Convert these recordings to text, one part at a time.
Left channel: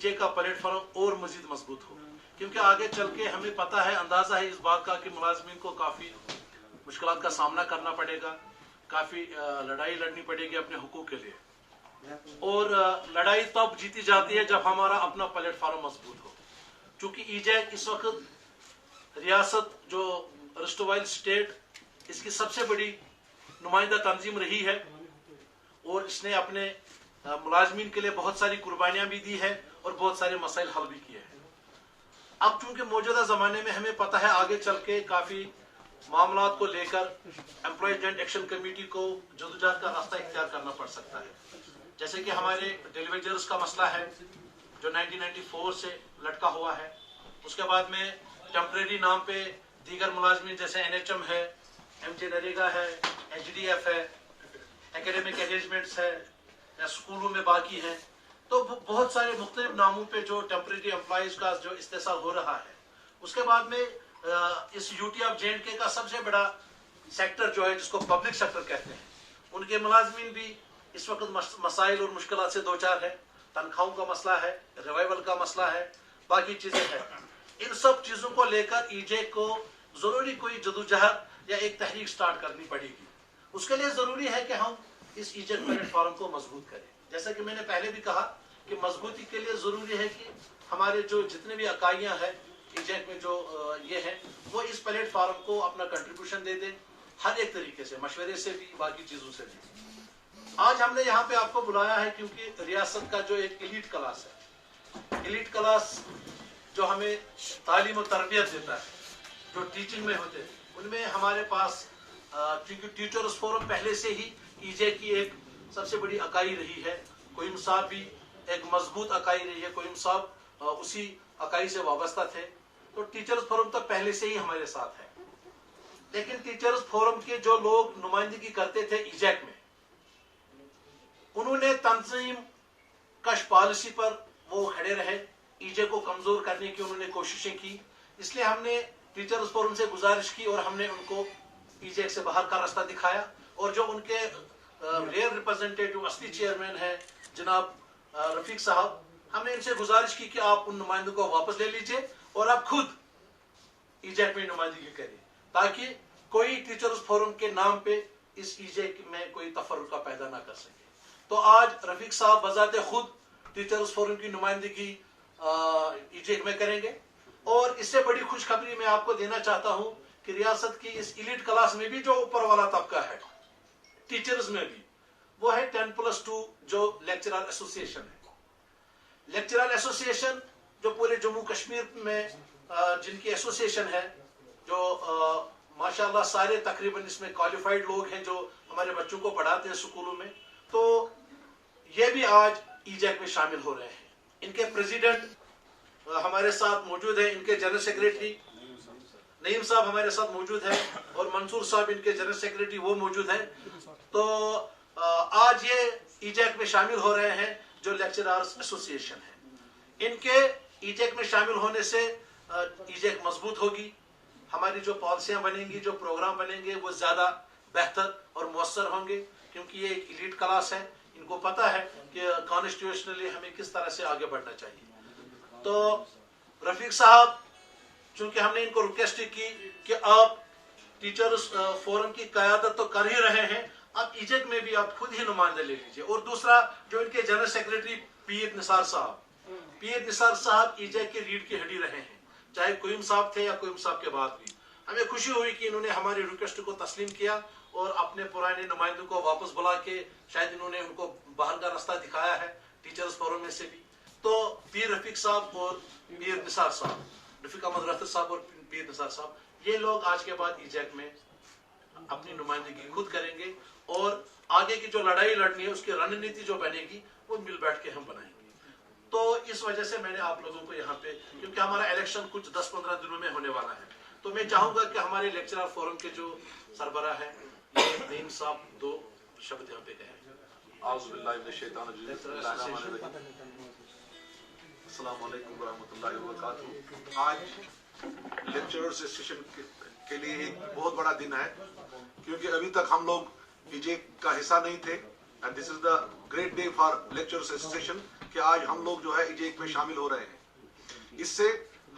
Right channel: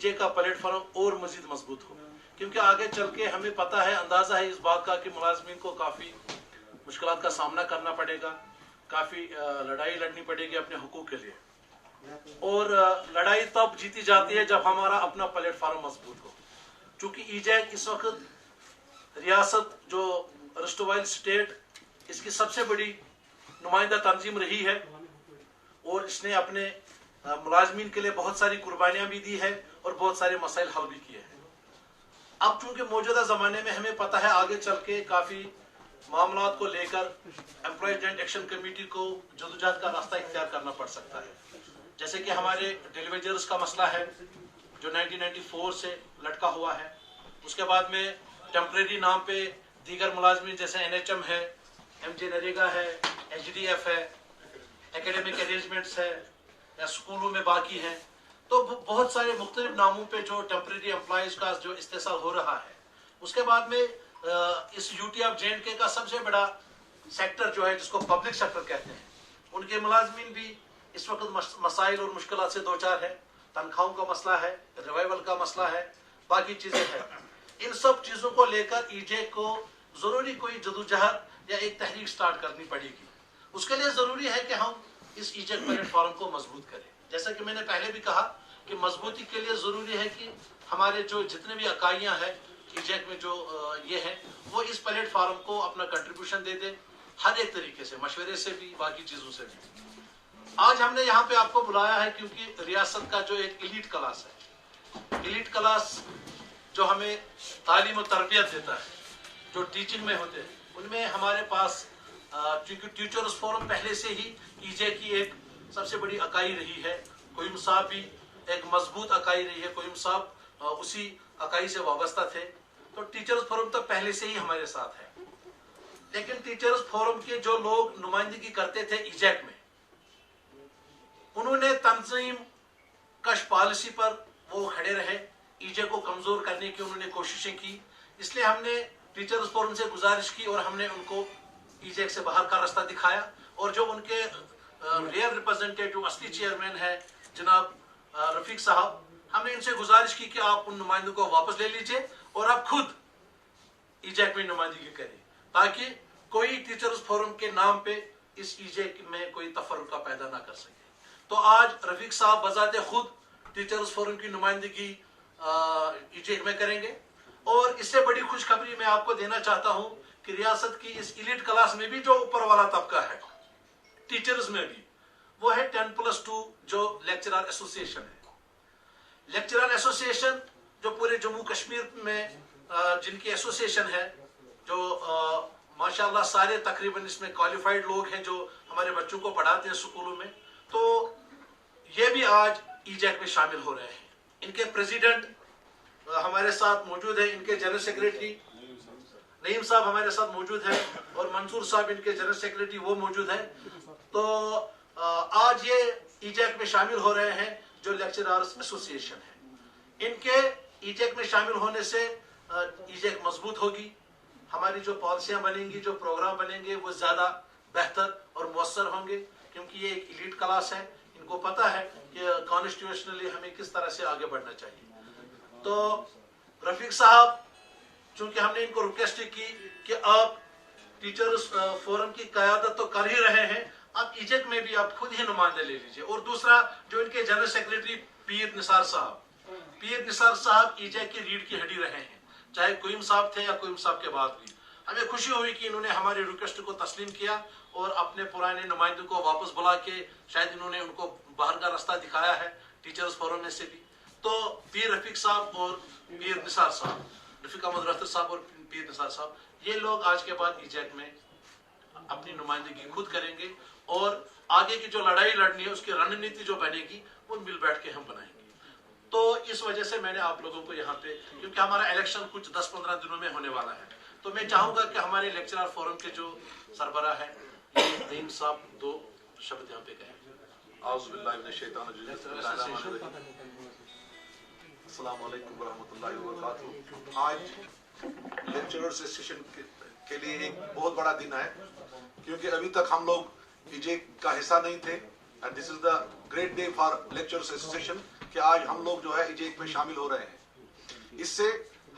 EJ का platform और मजीद मजबूत हो, क्योंकि आगे चल के हमें पता है, अंदाजा है इस बात का कि मुलाजमीन को काफ़ी मुश्किलात का सामना करना पड़ेगा, काफ़ी लड़ाई लड़नी पड़ेगी अपने हुकूक के लिए, और लड़ाई तब जीती जाती है जब हमारा अपना प्लेटफॉर्म मजबूत हो। चूँकि ईजेक इस वक्त रियासत जो रस्टोवाइल स्टेट, इसकी सबसे बड़ी नुमाइंदा तंजीम रही है और इसने अपने मुलाजमीन के लिए बहुत सारी कुर्बानियां भी दी है और बहुत सारे मसाइल हल भी किए हैं। अब चूंकि मौजूदा जमाने में हमें पता है आगे चल के काफी मामलात को लेकर एम्प्लॉय जॉइंट एक्शन कमेटी को जदोजहद का रास्ता इख्तियार करना पड़ सकता है। जैसे कि हमारे डेलीवेजर्स का मसला है जो 1994 से लटका हुआ है, उसके बाद में टेम्परेरी नाम पे दीगर मुलाजमीन जैसे NHM है, MJ नरेगा है, HDF है, एकेडमिक अरेंजमेंट्स है या स्कूलों में बाकी हैं, तो बहुत सारे मुख्तलिफ नामों पे जो टेम्परेरी एम्प्लॉयज का जो इस्तेसाल हो रहा है। उसके बाद में इस UT ऑफ J&K का सबसे बड़ा सेक्टर जो है जिसको पब्लिक सेक्टर कहते हैं, उनके मुलाजमीन भी इस वक्त मसाइल और मुश्किलात से दो चार है। तनख्वाहों का मसला है, रिवाइवल का मसला है, बाकी चीजें हैं। इन सब चीजों को लेकर ईजे को जरूरी कोई जदोजहद या एक तहरीक स्टार्ट करनी पड़ेगी। उसके लिए जरूरी है कि हम इस ईजे प्लेटफॉर्म को मजबूत करें। जैसा कि मैंने पहले भी कहा कि मजबूती के लिए जरूरी है कि हमारे जो जितने भी इकाइयां हैं ईजेक में जो ये है, वो इस प्लेटफॉर्म को अपना कंट्रीब्यूशन दे दें, हर एक तरीके से, मशवरे से भी, बाकी चीजों से भी। आज हमने यहाँ पे आपको बुलाया है क्योंकि रियासत का जो एक एलीट क्लास है, एलीट क्लास जो हमें तालीम और तरबियत देता है, जो टीचिंग में होते हैं, उनमें हमारे पास क्योंकि टीचर्स फोरम पहले से ही ईजे की एक सबसे बड़ी इकाई रही है। कोयम साहब भी एक मजबूत इकाई रही है, कोयम साहब उसी इकाई से वाबस्ता थे, तो टीचर्स फोरम तो पहले से ही हमारे साथ है। लेकिन टीचर्स फोरम के जो लोग नुमाइंदगी करते थे ईजेक में, उन्होंने तंजीम कश पॉलिसी पर वो खड़े रहे, ईजे को कमजोर करने की उन्होंने कोशिशें की। इसलिए हमने टीचर्स फोरम से गुजारिश की और हमने उनको ईजेक से बाहर का रास्ता दिखाया, और जो उनके रेयर रिप्रेजेंटेटिव असली चेयरमैन है जनाब रफीक साहब, हमने इनसे गुजारिश की कि आप उन नुमाइंदों को वापस ले लीजिए और आप खुद ईजेक में नुमाइंदगी करें, ताकि कोई टीचर्स फोरम के नाम पे इस ईजेक में कोई तफर्रुका पैदा ना कर सके। तो आज रफीक साहब बजाते खुद टीचर्स फोरम की नुमाइंदगी ईजेक में करेंगे। और इससे बड़ी खुशखबरी मैं आपको देना चाहता हूं कि रियासत की इस एलीट क्लास में भी जो ऊपर वाला तबका है टीचर्स में भी, वो है 10+2 जो लेक्चरर एसोसिएशन है। लेक्चरर एसोसिएशन जो पूरे जम्मू कश्मीर में जिनकी एसोसिएशन है, जो माशाल्लाह सारे तकरीबन इसमें क्वालिफाइड लोग हैं जो हमारे बच्चों को पढ़ाते हैं स्कूलों में, तो ये भी आज ईजेक में शामिल हो रहे हैं। इनके प्रेसिडेंट हमारे साथ मौजूद है, इनके जनरल सेक्रेटरी नईम साहब हमारे साथ मौजूद है, और मंसूर साहब इनके जनरल सेक्रेटरी वो मौजूद है। तो आज ये ईजेक में शामिल हो रहे हैं जो लेक्चरर्स एसोसिएशन है। इनके ईजेक में शामिल होने से ईजेक मजबूत होगी, हमारी जो पॉलिसियां बनेंगी, जो प्रोग्राम बनेंगे, वो ज्यादा बेहतर और मुअस्सर होंगे, क्योंकि ये एक एलीट क्लास है। इनको पता है कि कॉन्स्टिट्यूशनली हमें किस तरह से आगे बढ़ना चाहिए। तो रफीक साहब, चूंकि हमने इनको रिक्वेस्ट की कि आप टीचर्स फोरम की क़यादत तो कर ही रहे हैं, आप ईजेक में भी आप खुद ही नुमाइंदे ले लीजिए। और दूसरा जो इनके जनरल सेक्रेटरी पीर निसार साहब ईजेक की रीढ़ की हड्डी रहे हैं, चाहे कोयम साहब थे या कोयम साहब के बाद भी। हमें खुशी हुई कि इन्होंने हमारी रिक्वेस्ट को तस्लीम किया और अपने पुराने नुमाइंदों को वापस बुला के शायद इन्होंने उनको बाहर का रास्ता दिखाया है टीचर्स फोरम में से भी। तो पीर रफीक साहब और पीर निसार साहब, रफीक अहमद रफ्तर साहब और पीर निसार साहब, ये लोग आज के बाद ईजेक में अपनी नुमाइंदगी खुद करेंगे, और आगे की जो लड़ाई लड़नी है उसकी रणनीति जो बनेगी वो मिल बैठ के हम बनाएंगे। तो इस वजह से मैंने आप लोगों को यहाँ पे, क्योंकि हमारा इलेक्शन कुछ 10-15 दिनों में होने वाला है, तो मैं चाहूंगा कि हमारे लेक्चरर फोरम के जो सरबराह है नईम साहब 2 शब्द यहाँ पे कहें। अस्सलाम वालेकुम वरहमतुल्लाहि वबरकातुहू। आज लेक्चरर एसोसिएशन के लिए एक बहुत बड़ा दिन है, क्योंकि अभी तक हम लोग ईजे का हिस्सा नहीं थे, and this is the great day for lecturers association کہ آج ہم لوگ جو ہے ایجیک میں شامل ہو رہے ہیں. اس سے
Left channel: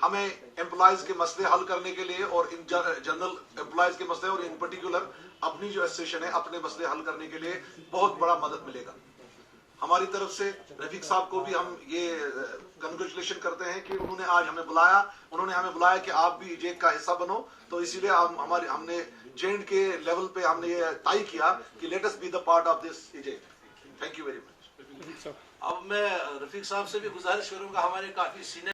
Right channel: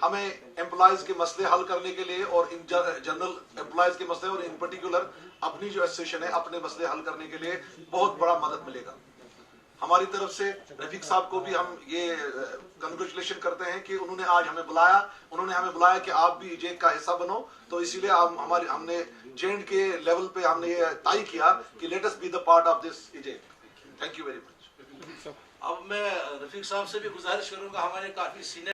ہمیں امپلائیز کے مسئلے حل کرنے کے لیے اور جنرل امپلائیز کے مسئلے اور ان پرٹیکولر اپنی جو ایسوسیشن ہے اپنے مسئلے حل کرنے کے لیے بہت بڑا مدد ملے گا. ہماری طرف سے رفیق صاحب کو بھی ہم یہ کنگریچولیشن کرتے ہیں کہ انہوں نے آج ہمیں بلایا, انہوں نے ہمیں بلایا کہ آپ بھی ایجیک کا حصہ بنو. تو اسی لیے ہم نے جینڈ کے لیول پہ ہم نے یہ طے کیا کہ let us be the part of this ایجیک. Thank you very much. اب میں رفیق صاحب سے بھی گزارش کروں گا, ہمارے کافی سینئر